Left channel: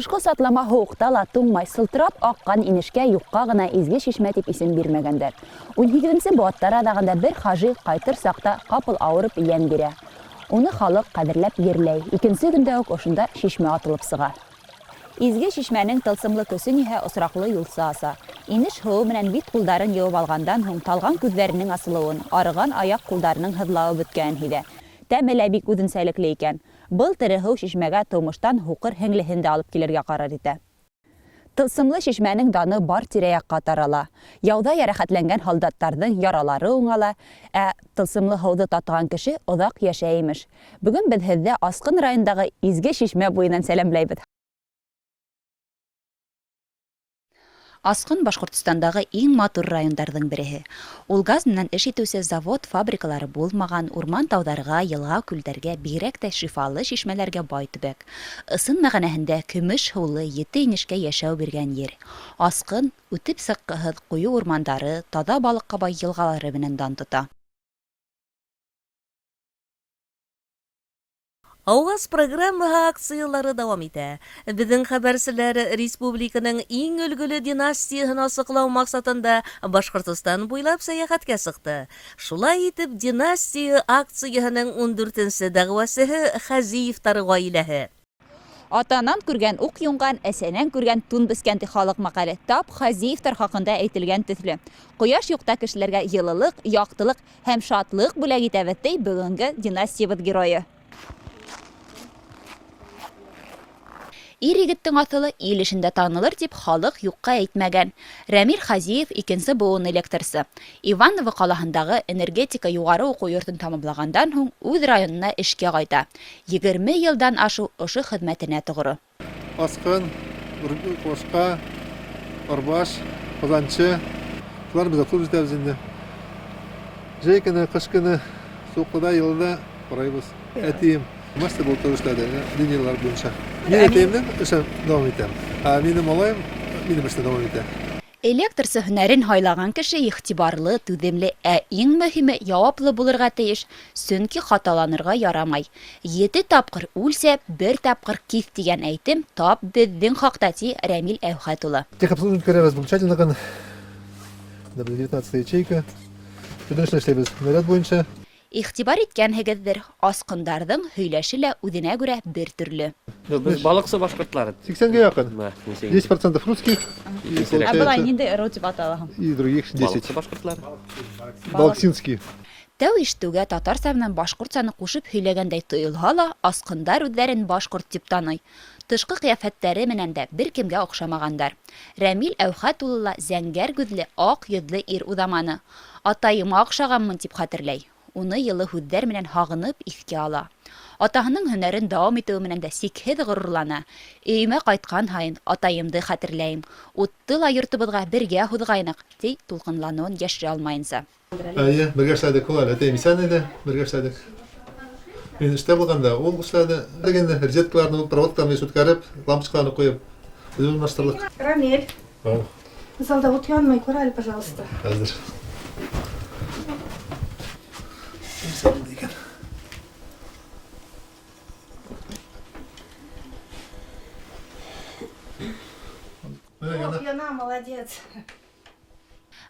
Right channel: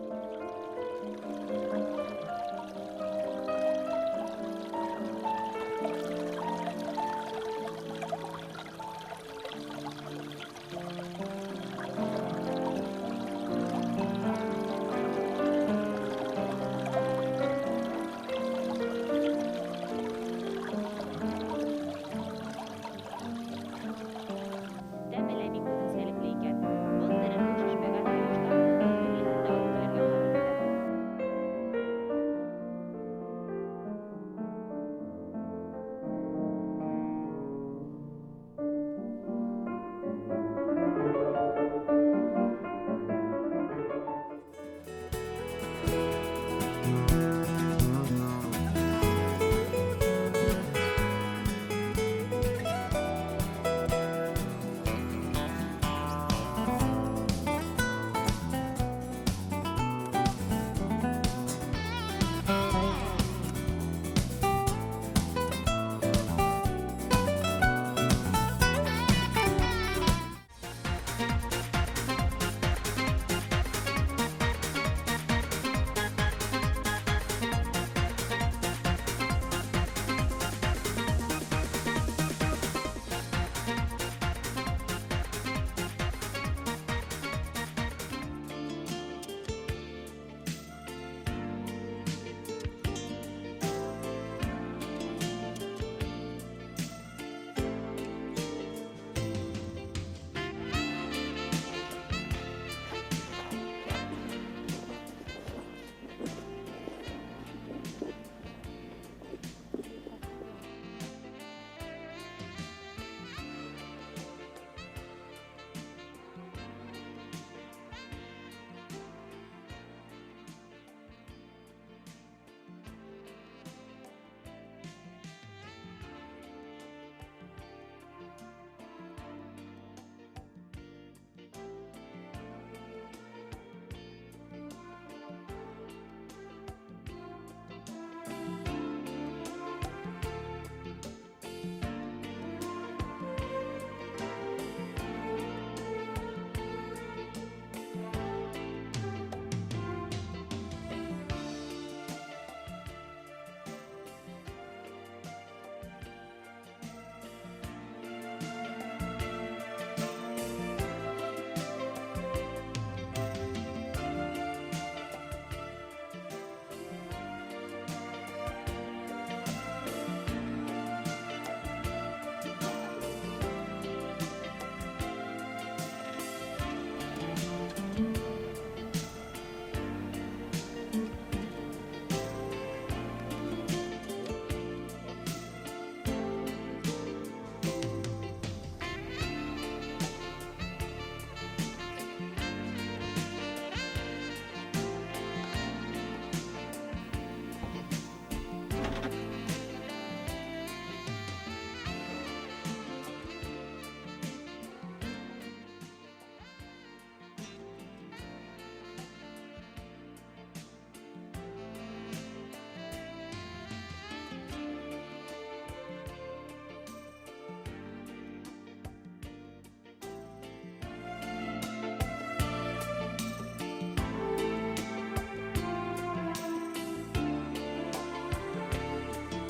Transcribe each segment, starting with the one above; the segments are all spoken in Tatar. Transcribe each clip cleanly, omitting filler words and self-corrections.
Кышкы сатлама һуукта ла туңмай сылтырап аккан инешкә юкка гына изге шишмә дип исем бирмәгәндәр. 17нче буаттар адагында бер хаҗи кайтыр сакта капыл авырып ямь бирә. Уны халык кадерләп ерләй. Икенче көндә үк ошында шишмә атылып сыга. Изге шишмәнең тылсымлы төсен иһә осраклы юлсы аса. Инеш һыу белән бит кулдарын юып алгандан һуң талган күзләренең асылуын, арыган аяк кулдарының һыдлавы беткән иде. Тәме лә бик үзенчәлекле икән. Был тере һыу шишмәгә тумыштан һуқыр һеңлеһен дә алып килергә карар итә. Тылсымлы шишмәнең даны бар тирә-якка тарала. Яуда ярәхәтләнгән солдаттарның яралары уңала, тылсымлы һауды татыган кеше оҙаҡ йәшәй имеш. Бүген без һеҙҙе Асҡын районындағы изге шишмә буйынан сәләмләйбеҙ. Асҡын Башҡортостандағы иң матур райондарҙың береһе. Ул газ менән эш итеүсе завод, фабрикалары булмаған, урман тауҙарға, йылға, күлдәргә, бигерәк тә шифалы шишмәләргә бай төбәк. Ысын мәғәнәһендә көмөш һыулы 7 инешкә йәшәү биргән ер. Асҡын үтеп сыҡҡыһыҙ ҡуйы урмандары, таҙа балыҡҡа бай йылғалары менән дан тота. Ауаз программаһы акциялары дауам итә. Беҙҙең хәбәрселәр республиканың иң өлгөлө династияһын асыҡлау маҡсатында Башҡортостан буйлап сәйәхәткә сыҡты. Шулай итеп, династия акцияһының 14-нсе дәғүәсеһе Хәзиевтар ғаиләһе. Атанан күргән уҡ юңған, әсәнән күргән тун бескән халыҡ мәҡәле тап Хәзиевтар хаҡында әйтелгән төҫлө. Ҡояш юҡта кешеләргә йылылыҡ, яҡтылыҡ һәм шатлыҡ бүләк итәбеҙ ти бөгөнгө династиябыҙ геройы. Ир-егеттең аҫылы ил эшендә танылыр тип халыҡ юҡҡа әйтмәгән. Рәмил Хазиев икенсе быуын электрсы. Иваново ҡалаһындағы энергетика юғары уҡыу йортон тамамлағандан һуң үҙ районына эшкә ҡайта. 20 йылдан ашу ошо хеҙмәтенә тоғро. Асҡын, Ҡошҡа, Арбаш, Ҡазанчы. Шулар беҙ аҡыл итәбеҙ инде. Жәй көнө, ҡыш көнө, суҡҡыда, йылда ҡарайбыҙ. Әтием мастер булып эшләде, линиялар буйынса. Мин әтәйемдең эшен дауам итәм. Минем малайым минем эштә дауам итә. Электрсы һөнәрен һайлаған кеше иғтибарлы, түҙемле, иң мөһиме яуаплы булырға тейеш, сөнки хаталанырға ярамай. 7 тапҡыр үлсә, 1 тапҡыр киҫ тигән әйтем тап беҙҙең хаҡта ти Рәмил Әүхәт улы. Техобслуживание возмущательно, 19 ячейка. Төтөнөшлө эшләйбез наряд буйынса. Иғтибар иткәнһегеҙҙер, асҡындарҙың һөйләше лә үҙенә күрә бер төрлө. Biz балыҡсы башҡортлары. 80-ге яҡын. 10% русских. Былай ниндәй ырыу тип аталаһың? И других 10. Балыҡсы башҡортлары. Балксинский. Тәү ишетеүгә татарса менән башҡортсаны ҡушып һөйләгәндәй тойолһа ла, асҡындар үҙҙәрен башҡорт тип таный. Тышҡы ҡиәфәттәре менән дә бер кемгә оҡшамағандар. Рәмил Әүхәт улы ла зәңгәр күҙле, аҡ йөҙлө ир уҙаманы. Атайыма оҡшағанмын тип хәтерләй. Уны йылы һүҙҙәр менән һағынып иҫкә ала. Атаһының һөнәрен дауам итеү менән дә сикһеҙ ғорурлана. Өйөмә ҡайтҡан һайын атайымды хәтерләйем. Утты ла йортобоҙға бергә һуҙғайныҡ, ти тулҡынланыуын йәшерә алмайынса. Бергә эшләдек, ул әтәйем исән иде, бергә эшләдек. Мин эштә булғанда ул эшләде. Дегенде розеткаларны, проводкаларны үткәреп, лампочкаларны ҡуйып, үҙ урынлаштырдык. Рамиль, залда вот янмай күрәл, пожалуйста. Хәзер. Яна, молодец.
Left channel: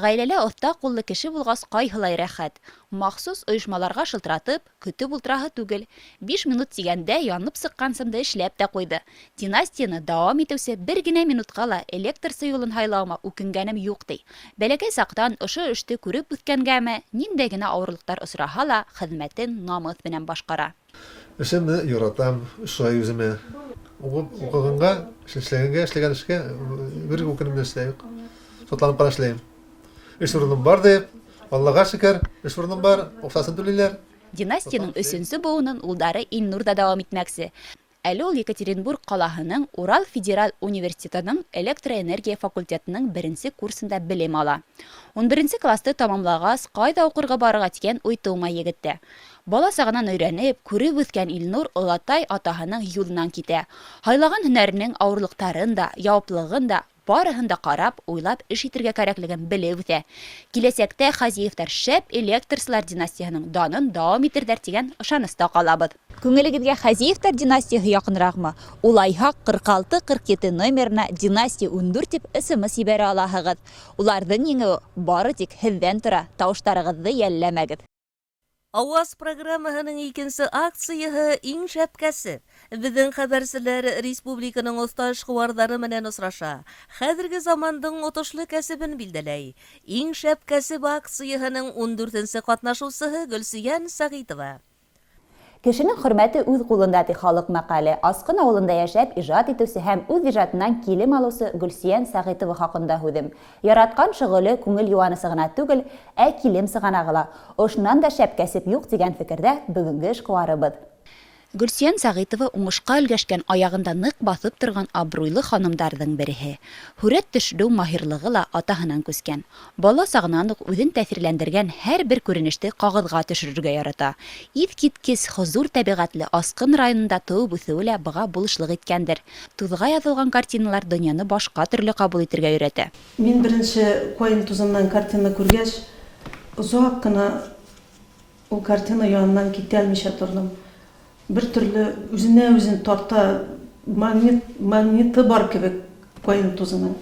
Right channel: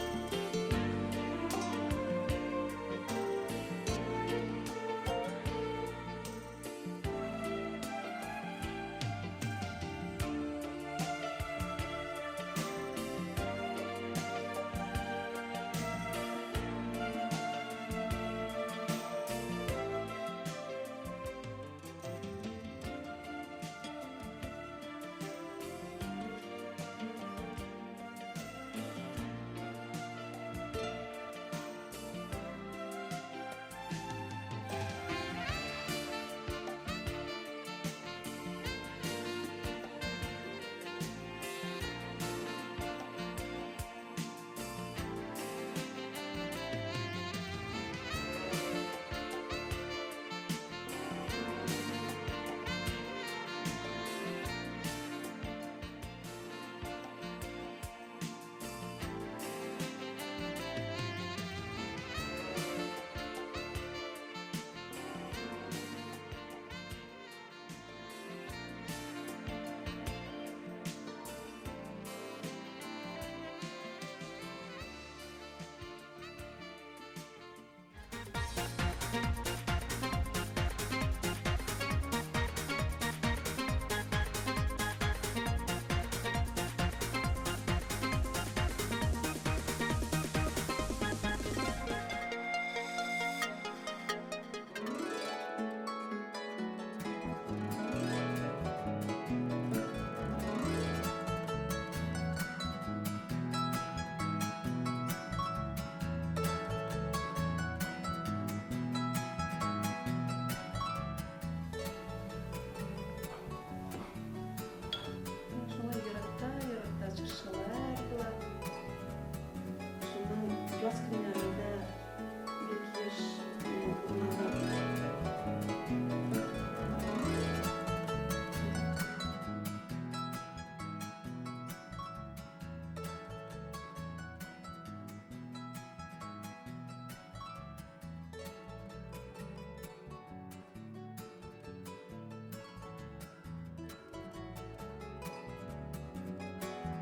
Ғаиләлә оҫта ҡуллы кеше булғас ҡайһылай рәхәт. Махсус ойошмаларға шылтыратып, көтөп ултыраһы түгел. 5 минут тигәндә янып сыҡҡан сымды эшләп тә ҡуйҙы. Династияны дауам итеүсе бер генә минутҡа ла электрсы юлын һайлауыма үкенгәнем юҡ ти. Бәләкәй саҡтан ошо эште күреп үткәнгәме, ниндәй генә ауырлыҡтар осраһа ла, хеҙмәтен намыҫ менән башҡара. Эшемде яратам, шулай үземә. Уҡығанға, эшләгән эшкә бер үкенем нәрсә юҡ. Шатланып ҡара эшләйем. Эш урыным бар дип, Аллаға шөкөр, эш урыным бар, оҡсасын түләйҙәр. Династияның 3-нсе быуынын улдары Илнурда дауам итмәксе. Әле ул Екатеринбург ҡалаһының Урал федераль университетының электроэнергия факультетының 1-нсе курсында белем ала. 11-нсе класты тамамлағас, ҡайҙа уҡырға барырға тигән уй тыумай егеттә. Бала сағынан өйрәнеп, күреп үҫкән Илнур олатай атаһының юлынан китә. Һайлаған һөнәренең ауырлыҡтарын да, яуаплылығын да, барыһын да ҡарап, уйлап эш итергә кәрәклеген белеп үтә. Киләсәктә Хазиевтар шәп электрсылар династияһының данын дауам итерҙәр тигән ышаныста ҡалабыҙ. Күңелегезгә Хәзиевтәр династияһы якынракмы? Улайһа 46-47 номерына династия 14 дип исемес ибәрә алаһыгыз. Улардан еңү бары тик һездән тора. Тавыштарыгызны йәлләмәгез. Аваз программаһының икенче акцияһы иң шәпкәсе. Безнең хәбәрселәр республиканың оста эшкуарлары менән осраша. Хәзерге замандың отышлы кәсебен билдәләй. Иң шәпкәсе акцияһының 14нче катнашучысы Гөлсиян Сәгыйтова. Кешенең хөрмәте үз кулында ди халык мәкале. Асқын авылында яшәп иҗат итүсе һәм үз иҗатыннан килем алусы Гөлсиян Сәгыйтова хакында һүдем. Яраткан шөгыле күңел юанысы гына түгел, килем сыганагыла. Ошнан да шәп кәсеп юк дигән фикердә бүгенге эшкуарыбыз. Гөлсиян Сәгыйтова уңышка өлгәшкән аягында нык басып торган абруйлы ханымдарның береһе. Хүрәт төшерү маһирлыгы ла атаһынан күскән. Бала сагыннан ук үзен тәэсирләндергән һәр бер күренеште кагыдга төшерергә ярата. Иткиткес хозур табигатьле Асқын районында туып үсүе лә быга булышлык иткәндер. Тузга язылган картиналар дөньяны башка төрле кабул итәргә өйрәтә. Мин беренче Коин тузыннан картина күргәч, озак кына ул картина янынан китә алмыйча тордым. Бер төрле үзенә үзен тарта магниты бар кебек Коин тузының.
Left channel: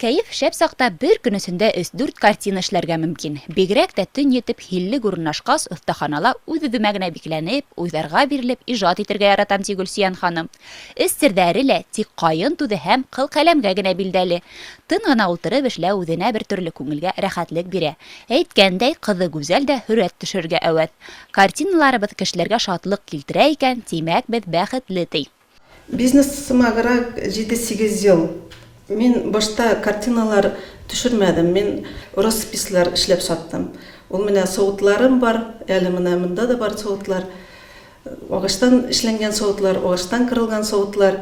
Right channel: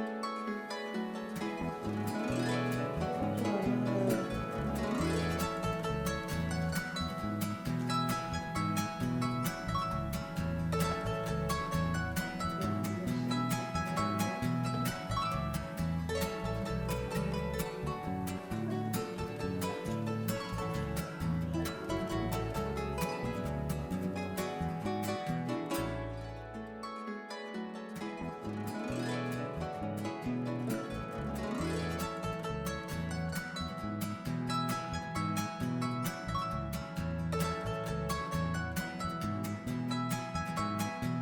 Кәйеф шәп сакта бер көнөсендә 3-4 картина эшләргә мөмкин. Бигрәк тә төн етеп хилле урнашкас остаханала үз-үземә генә бикләнеп, уйларга бирелеп иҗат итәргә яратам ди Гөлсиян ханым. Серләре лә тик кайын туды һәм кыл-каләмгә генә билдәле. Тын гына утырып эшләү үзенә бер төрле күңелгә рәхәтлек бирә. Әйткәндәй, кызы гүзәл дә хүрәт төшергә әвәт. Картиналарыбыз кешеләргә шатлык килтерә икән, тимәк без бәхетле ди. Бизнесыма гына 7-8 ел. Мин башта картиналар төшермәдем. Мин роспислар эшләп саттым. Ул менә савытларым бар, әле менә монда да бар савытлар. Агыштан эшләнгән савытлар, агыштан кырылган савытлар.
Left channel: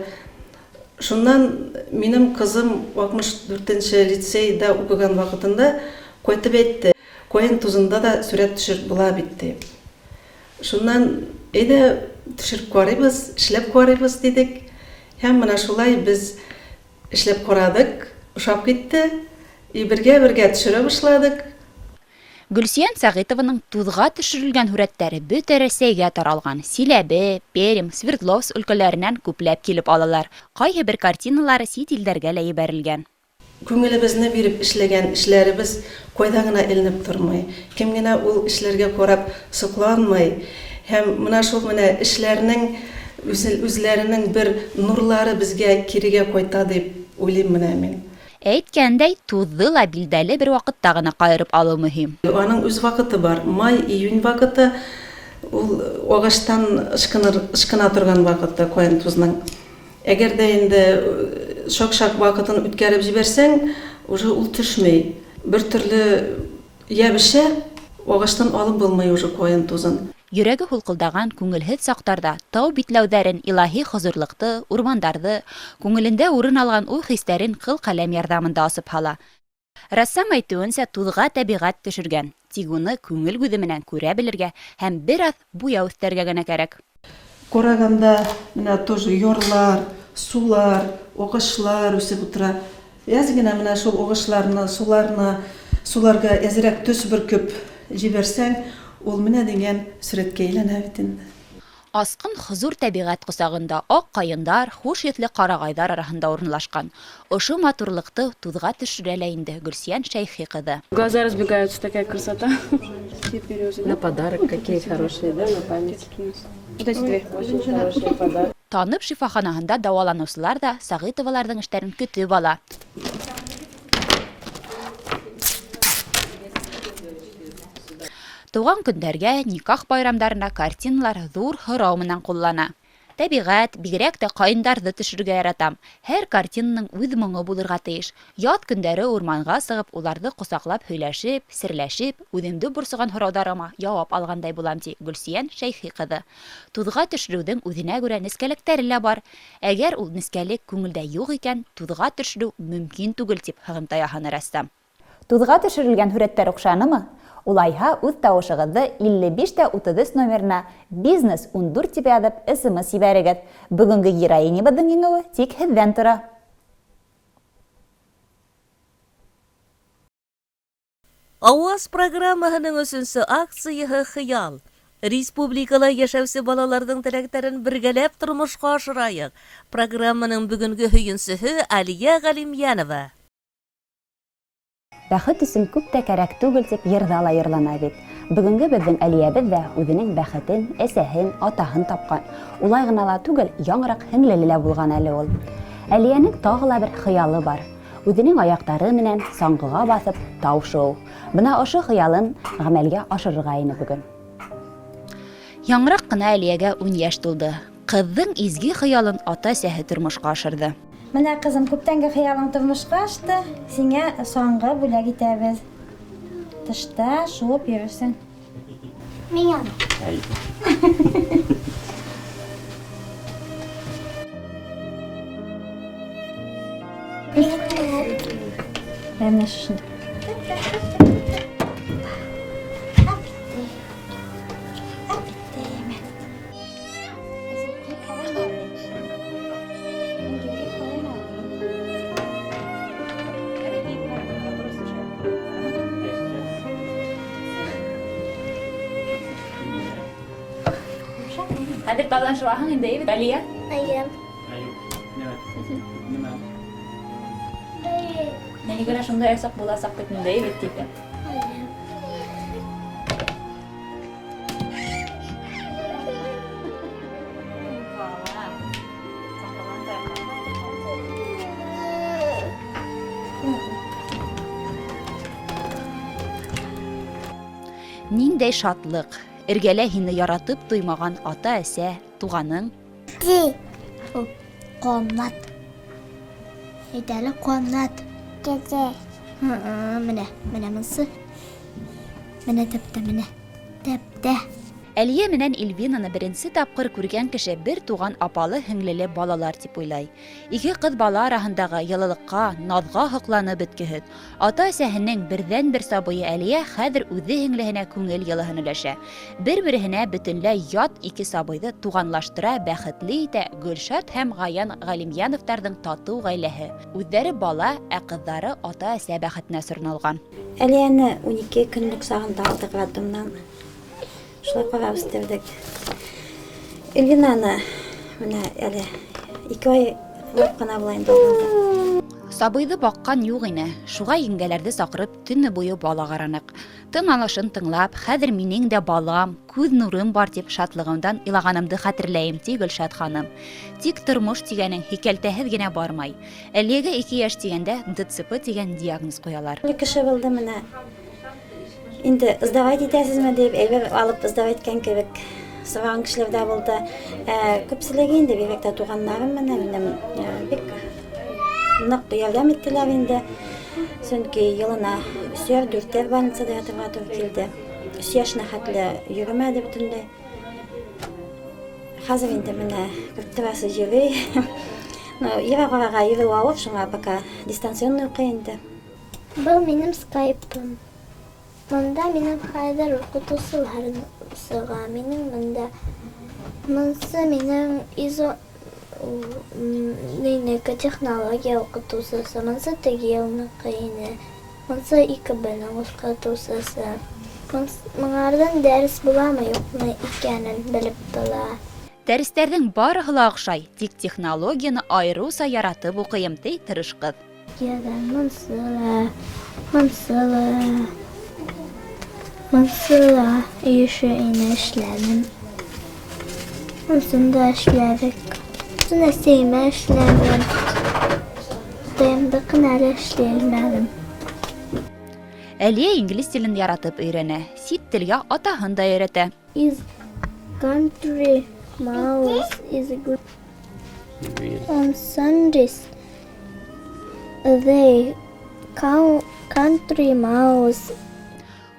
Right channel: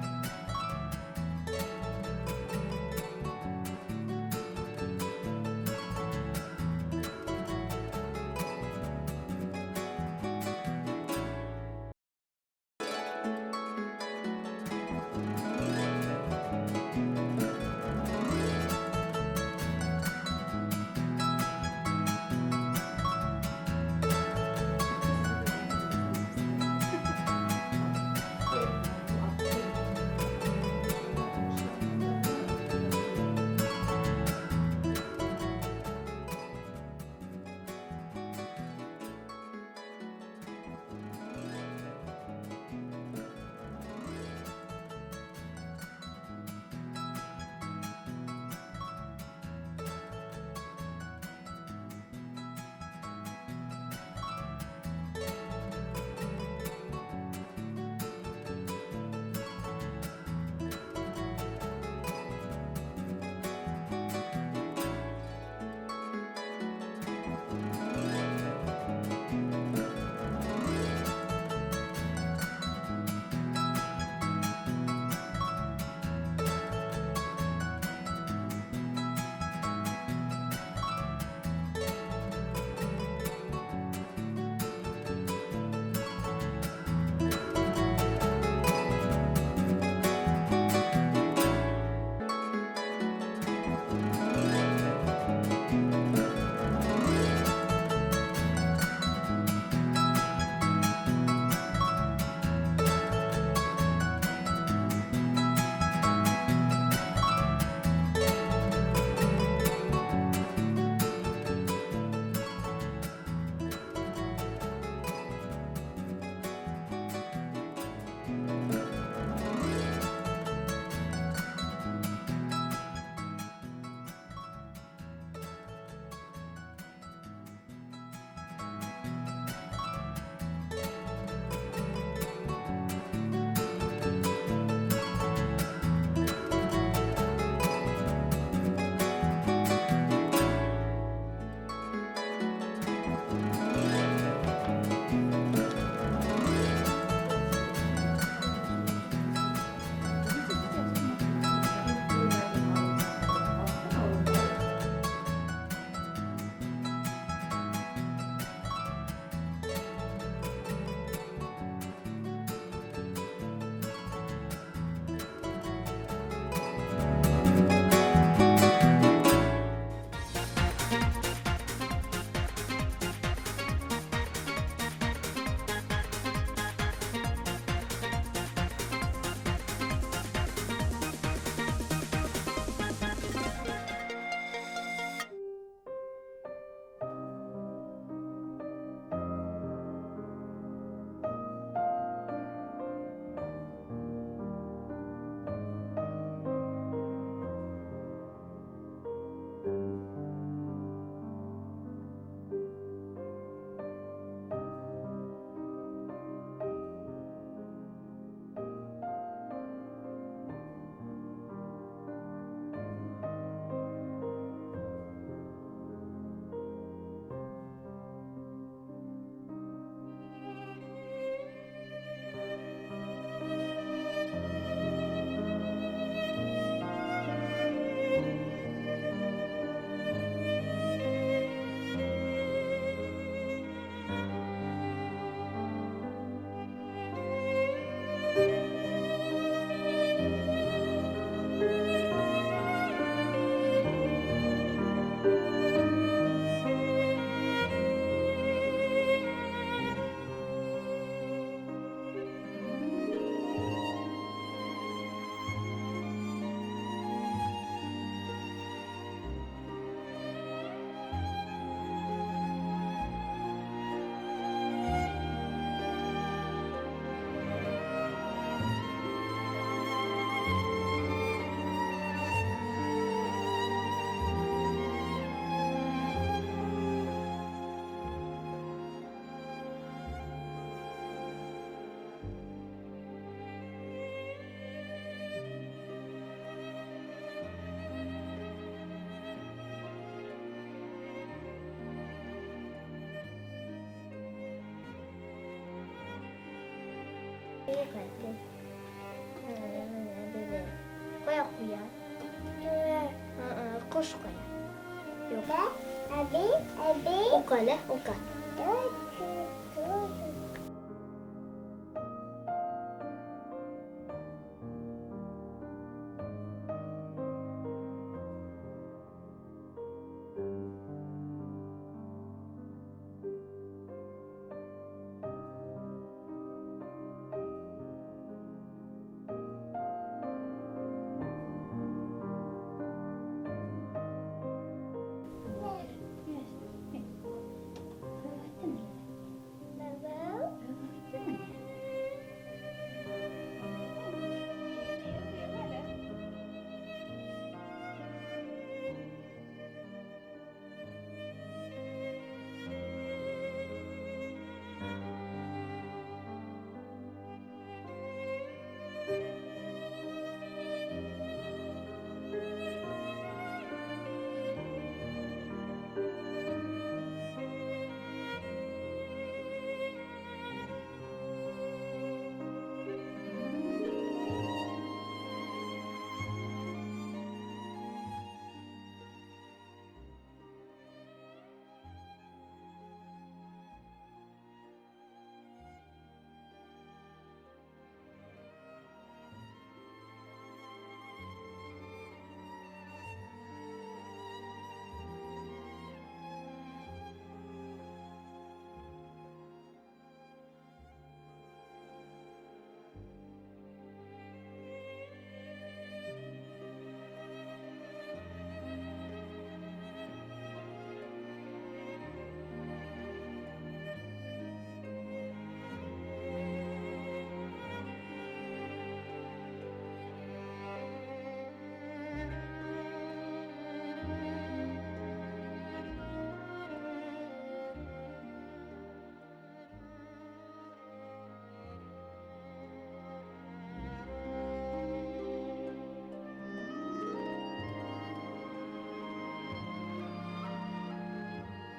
Шуннан минем кызым 64нче лицейда укыган вакытында кайтып әйтте. Коин тузында да сүрәт төшереп була бит. Шуннан әйдә төшереп карыйбыз, эшләп карыйбыз дидек. Һәм менә шулай без эшләп карадык, ушап китте. Бергә төшерә башладык. Гөлсиян Сәгыйтованың тузга төшерелгән хүрәттәре бөтә Рәсәйгә таралган. Силәбе, Пермь, Свердловск өлкәләреннән күпләп килеп алалар. Кайһы бер картиналары сит илләргә лә җибәрелгән. Күңелебезне биреп эшләгән эшләребез кайда гына эленеп тормый. Кем генә ул эшләргә карап сокланмый. Һәм менә шул менә эшләрнең үзләренең бер нурлары безгә кирегә кайта дип уйлыйм менә мин. Әйткәндәй, тузды ла билдәле бер вакытта гына кайырып алу мөһим. Аның үз вакыты бар. Май-июнь вакыты ул агаштан ышкына торган вакыты Коин тузның. Әгәр дә инде шак-шак вакытын үткәреп җибәрсәң, уже ул төшмәй. Бер төрле ябышә, агаштан алып булмый уже Коин тузын. Йөрәге кулкылдаган күңелһез сактарда тау битләүдәрен, илаһи хозурлыкты, урмандарды, күңелендә урын алган ул хисләрен кыл-каләм ярдәмендә асып һала. Рассам әйтүенсә, тузга табигать төшергән. Тик уны күңел күзе менән күрә белергә һәм бер ат буяу өстәргә генә кирәк. Караганда менә тоже ярлар, сулар, агышлар үсеп утыра. Яз гына менә шул агышларны, суларга әзрәк төс бөркеп җибәрсәң, ул менә дигән сүрәткә әйләнә бит. Асқын хозур табигать кысагында ак кайындар, хуш етле карагайдар арасында урынлашкан. Ошо матурлыкты тузга төшерәләр инде Гөлсиян Шәйхи кызы. Глаза разбегаются, такая красота. На подарок какие хорошие, да, на память. Очень хороший подарок. Танып шифаханаһында дәваланучылар да Сәгыйтоваларның эшләрен көтеп ала. Туган көндәргә, никах байрамдарына картиналар зур һорау менән куллана. Табигать, бигрәк тә кайындарды төшерергә яратам. Һәр картинаның үз моңы булырга тиеш. Ят көндәре урманга сыгып, уларны кусаклап һөйләшеп, серләшеп, үземдә бурсыган һораударыма җавап алгандай булам ди Гөлсиян Шәйхи кызы. Тузга төшерүдән үзенә күрә нескәлектәре лә бар. Әгәр ул нескәлек күңелдә юк икән, тузга төшерү мөмкин түгел дип хыгымта яһаны рәссам. Тузга төшерелгән хүрәттәр охшанымы? Улайһа үз тавышыгызды 55-30 номерына «Бизнес 14» дип язып, СМС җибәрегез. Бүгенге героинябызның еңүе тик һездән тора. Аваз программаһының 3нче акцияһы «Хыял». Республикала яшәүсе балалардың теләкләрен бергәләп тормышка ашырайык. Программаның бүгенге һөенсеһе Алия Галимянова. Бәхет өсөн күп тә кәрәк түгел дип йырда ла йырлана бит. Бүгенге безнең Әлиябез дә үзенең бәхетен, әсәһен, атаһын тапкан. Улай гына ла түгел, яңрак һеңлеле лә булган әле ул. Әлиянең тагы ла бер хыялы бар. Үзенең аяктары менән саңгыга басып тау шоу. Бына ошо хыялын гамәлгә ашырырга ине бүген. Яңрак кына Әлиягә 10 яшь тулды. Кызның изге хыялын ата-әсәһе тормышка ашырды. Менә кызым, күптәнге хыялың тормышка ашты. Сиңа соңгы бүләк итәбез. Тышта шуып йөрөрсең. Миңа. Ben şunu. Хәзер тазан шуаһың инде, Әлия? Нәни генә шунда ясап буласак дип инде, дип. Ниндәй шатлык, эргәлә һине яратып туймаган ата-әсә, туганың. Qonlat. Әйтәле qonlat. Кәзә. Менә монсы. Менә тәптә. Әлия менән Эльвинаны беренче тапкыр күргән кеше бер туган апалы һеңлеле балалар дип уйлай. Ике кыз бала арасындагы йылылыкка, назга хокланып беткеһез. Ата-әсәһенең бердән-бер сабые Әлия хәзер үзе һеңлеһенә күңел йылыһын өләшә. Бер-беренә бөтенләй ят ике сабыйды туганлаштыра, бәхетле итә Гөлшат һәм Гаян Галимьяновтарның тату гаиләһе. Үҙҙәре бала, ә кызлары ата-әсә бәхетенә сорналган. Әлияне 12 көнлек сагында алдык радымнан. Шулай ҡарап үҫтерҙек. Эльвинаны менә әле 2 ай ҡына була инде. Сабыйҙы баҡҡан юҡ ине. Шуға еңгәләрҙе саҡырып, төнө буйы бала ҡараныҡ. Тын алышын тыңлап, хәҙер минең дә балам, күҙ нурым бар тип шатлығымдан илағанымды хәтерләйем, ти Гөлшат ханым. Тик тормош тигәнең һикәлтәһеҙ генә бармай. Әлиәгә 2 йәш тигәндә ДЦП тигән диагноз ҡуялар. Кеше булды менә. Инде сдавать итәсезме дип, әйбер алып сдавать иткән кебек сораган кешеләр дә булды. Күпселеге инде бигрәк туганнарым менән бик ныҡ ярдәм иттеләр инде. Сөнки йылына 3-4 больницада ятырға тура килде. 3 йәшенә хәтле йөрөмәде бөтөнләй. Хәзер инде менә күптәрәсе йөрөй. Ерағыраға йөрөү ауыр, шуңа пока дистанционный уҡый инде. Был минем скайпым. Монда минем хәҙер уҡытыусыларым сыға. Минең монда. Монсы минең технология уҡытыусысы. Монсы теге йылныҡы ине. Монсы 2Б-ның уҡытыусысы. Моңарҙан дәрес буламы, юҡмы икәнен белеп тора. Дәрестәрҙең барыһы ла оҡшай, тик технологияны айырыуса яратып уҡыйым, ти тырыш ҡыҙ. Монсыла йышы ине эшләнем. Монсында эшләдек. Монсында сеймә эшләнем. Тәмді қынары эшләнем. Әлия инглиз телен яратып өйрәнә, сит телгә атаһын да өйрәтә. Is country mouse is good. On Sundays, they country mouse.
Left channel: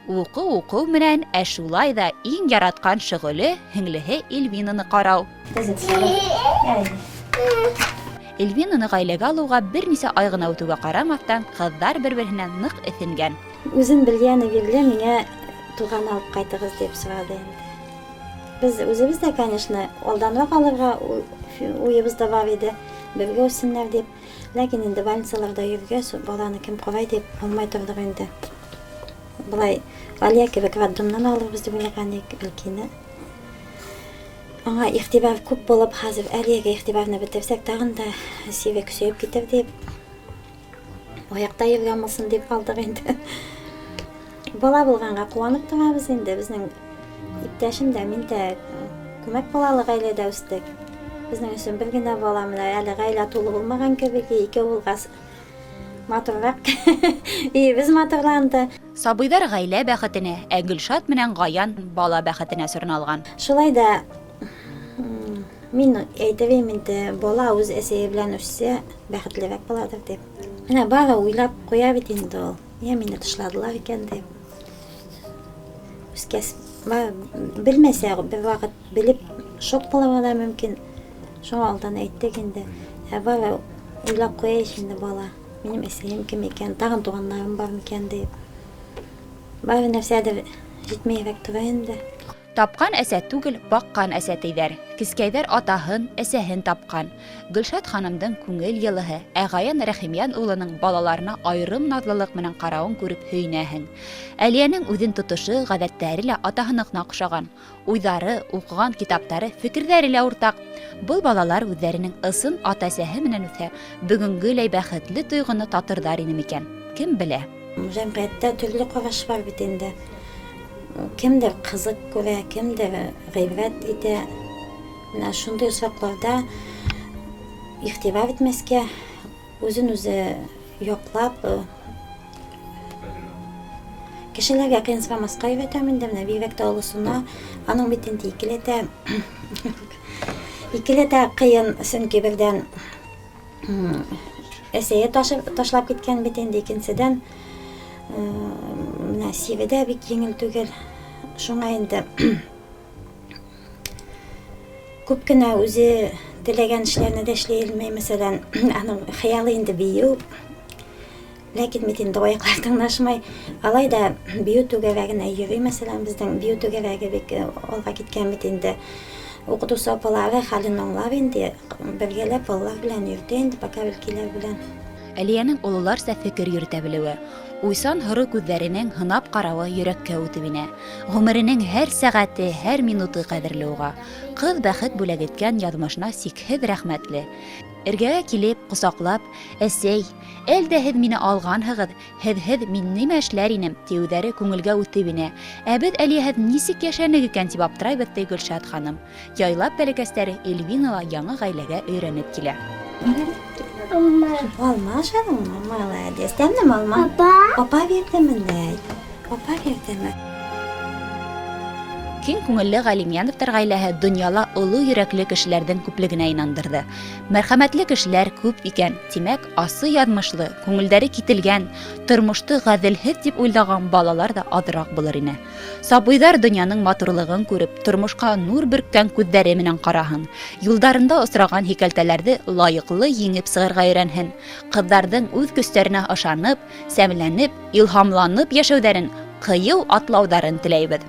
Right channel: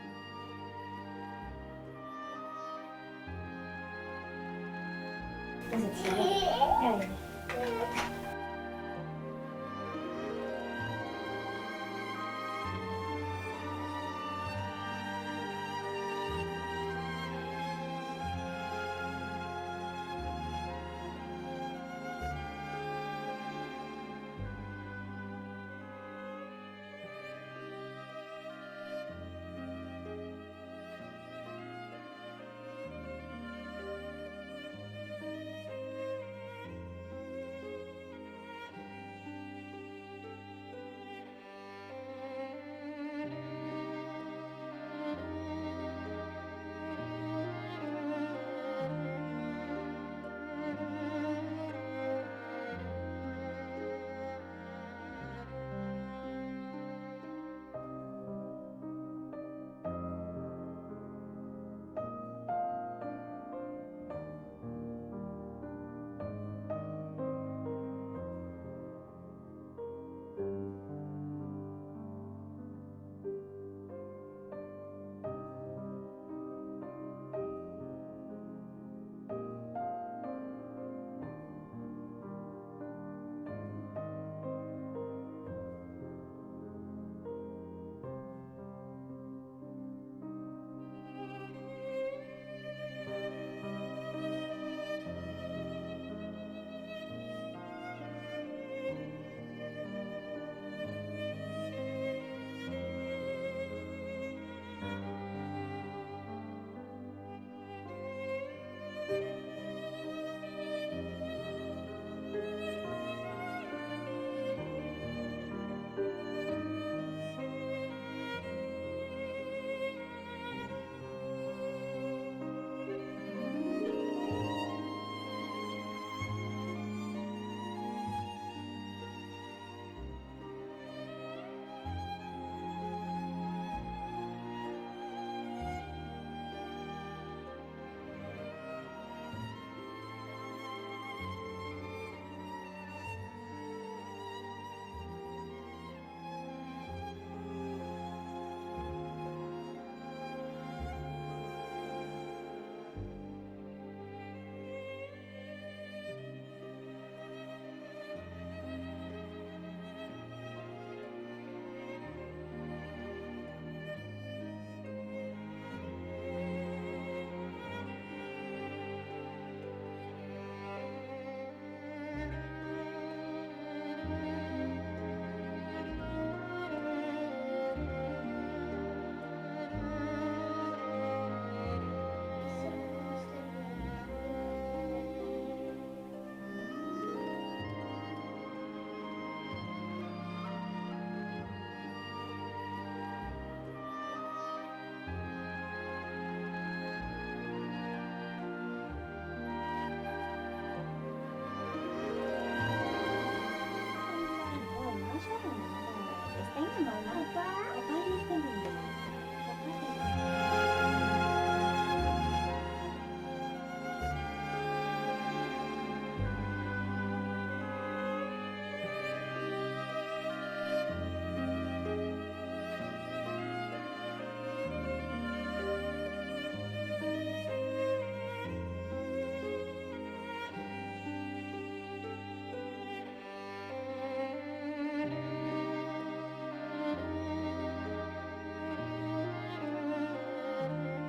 Уҡыу менән, ә шулай ҙа иң яратҡан шөғөлө һеңлеһе Эльвинаны ҡарау. Эльвинаны ғаиләгә алыуға бер нисә ай ғына үтеүгә ҡарамаҫтан, ҡыҙҙар бер-береһенә ныҡ эҫенгән. Үзен белгәне бирле миңә туған алып ҡайтығыҙ дип сорады. Без үзебез дә, конечно, алданлыҡ алырға уйыбызда бар иде, бергә үссенләр дип. Ләкин инде больницаларда йөргәс, баланы кем ҡарай дип алмай торҙоҡ инде. Былай Алия кебек роддомнан алырбыз дип уйлаған идек, бәлки, аңа игътибар күп булып, хәзер әлегә игътибарны бетерсәк, тагын да сирәк сөйеп китер дип, аякта йөргәнмесен дип калдык инде. Бала булганга куанып торабыз инде. Безнең иптәшем дә, мин дә күмәк балалы гаиләдә үстек. Безнең өчен бер генә бала менә әле гаилә тулы булмаган кебек, ике улгас матуррак. Без матурланды. Сабыйдар гаилә бәхетенә, ә Гөлшат менән Гаян бала бәхетенә сорналган. Шулай да мин әйтәм инде, бала үз әсәе белән үссә, бәхетлерәк буладыр дип. Менә бары уйлап куя бит инде ул. Я мине тышладылар икән дип. Үскәс, белмәсә, бер вакыт белеп шок булырга да мөмкин. Шуңа алдан әйттек инде. Бары уйлап куяйш инде бала. Минем әсәем кем икән, тагын туганнарым бар микән дип. Бары нәрсәдер җитмәйрәк тора инде. Тапкан әсә түгел, баккан әсә тейдәр. Кискәйдәр атаһын, әсәһен тапкан. Гөлшат ханымдың күңел йылыһы, ә Гаян Рәхимян улының балаларына айрым наҙлылык менән ҡарауын күреп һөйнәһең. Әлиәнең үҙен тотошы, ғәҙәттәре лә атаһыныҡына оҡшаған. Уйҙары, уҡыған китаптары, фекерҙәре лә уртаҡ. Был балалар үҙҙәренең ысын ата-әсәһе менән үҫә, бөгөнгөләй бәхетле тойғоно татырҙар ине микән? Кем белә? Җәмғиәттә төрлө ҡараш бар бит инде. Кемдер ҡызыҡ күрә, кемдер ғибрәт итә. Менә шундай осраҡларда иғтибар итмәскә, үзен үзе яҡлап, кешеләргә ҡыйынсырамаҫҡа өйрәтәм инде. Менә бигерәк тә олосона, аның бит инде икеләтә ҡыйын, сөнки берҙән әсәйе ташлап киткән бит инде, икенседән менә Сиредә бик еңел түгел. Шуңа инде күп кенә үзе теләгән эшләрне дә эшләй алмай. Мәсәлән, аның хыялы инде бейеү. Ләкин бит инде аяҡлар тыңлашмай. Алай да бейеү түгәрәгенә йөрөй. Мәсәлән, безнең бейеү түгәрәге бик алға киткән бит инде. Уҡытыусы апалары хәлен аңлар инде. Бергәләп алар белән йөрөтә инде, бакалькилар белән. Әлиәнең ололарса фекер йөрөтә белеүе. Уйсан һоро күҙҙәренең һынап ҡарауы йөрәккә үтеп инә. Ғүмеренең һәр сәғәте, һәр минуты ҡәҙерле уға. Ҡыҙ бәхет бүләк иткән яҙмышына сикһеҙ рәхмәтле. Эргәгә килеп, ҡосаҡлап, әсәй, әлдә һеҙ мине алғанһығыҙ, һеҙһеҙ мин нимә эшләр инем, тиеүҙәре күңелгә үтеп инә. Ә беҙ әлиәһеҙ нисек йәшәнек икән тип аптырайбыҙ, ти Гөлшат ханым. Яйлап бәләкәстәре Эльвинала яңы ғаиләгә өйрәнеп килә. Алма ашадың, молодец. Тәмлеме алма? Папа бирҙеме? Папа бирҙеме? Киң күңелле Ғәлимйәновтар ғаиләһе донъяла оло йөрәкле кешеләрҙең күплегенә инандырҙы. Мәрхәмәтле кешеләр күп икән, тимәк, асы яҙмышлы, күңелдәре кителгән, тормошто ғәҙелһеҙ тип уйлаған балалар да аҙыраҡ булыр ине. Сабыйҙар донъяның матурлығын күреп, тормошҡа нур бөрккән күҙҙәре менән ҡараһын. Юлдарында осраған һикәлтәләрҙе лайыҡлы еңеп сығырға өйрәнһен. Ҡыҙҙарҙың үҙ көстәренә ышанып, сәмләнеп, илһамланып йәшәүҙәрен, ҡыйыу атлауҙарын теләйбеҙ.